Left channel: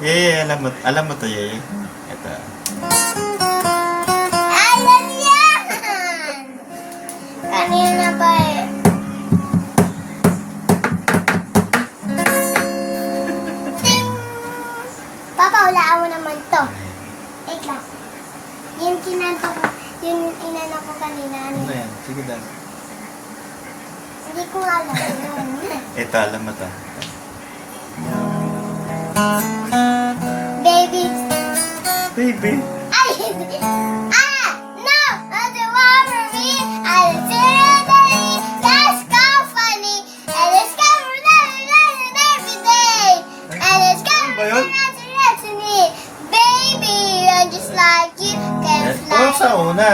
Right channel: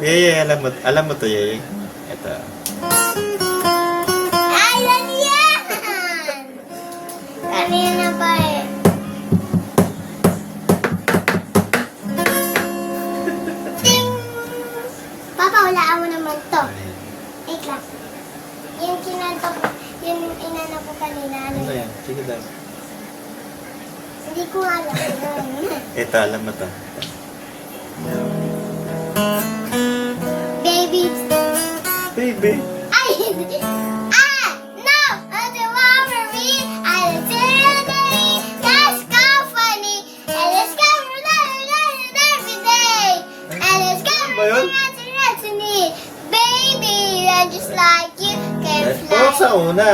Alam mo to, Yeye. Ito. Ay, yan yan! Kanina pa eh. Ting! Papa, hulaan mo naman to. Wait lang. Yung kinanta ko, yung inano ko kanina. Ano yan? Sige daw. Hindi ko alam. Ito, alam mo to. Baby. Baby. Ay, hindi. Ah! No! That's the one for me. I literally that's company. And it's coming every day. And it's coming Ba yun? to me. Baby, I'm just like you can Ito fly. sa una.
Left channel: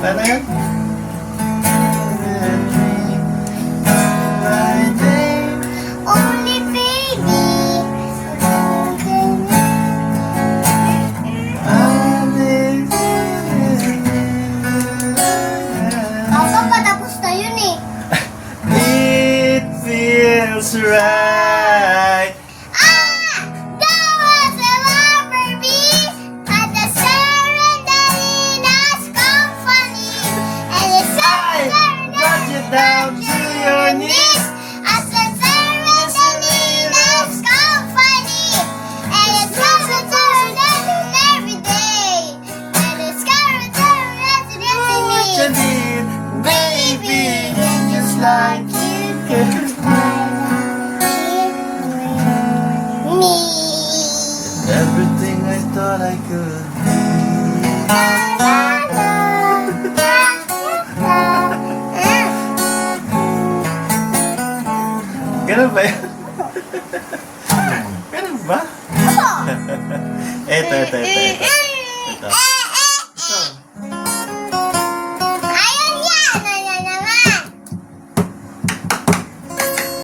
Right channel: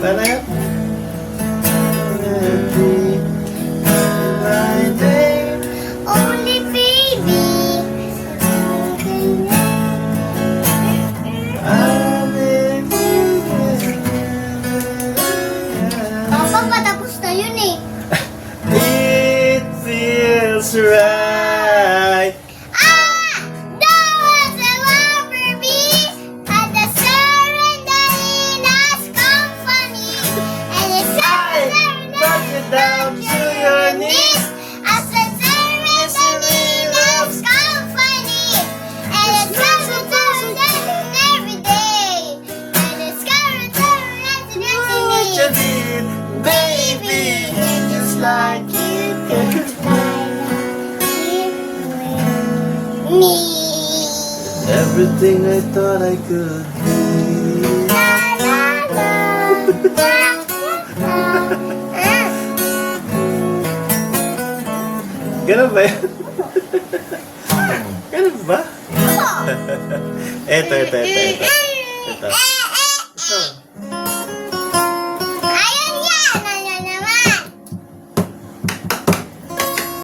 Para Only baby. Papa, patapos na yun eh. It feels right. Ah! That was the one for me. But the serenade has company. And it's Knock you down to your knees. As the serenade has company. And it's coming every day. And it's coming to me. You need, baby, just like you can fly. Me. Everything I thought I could be. Ganun ba yan? Ganun ba? Ito. Ito.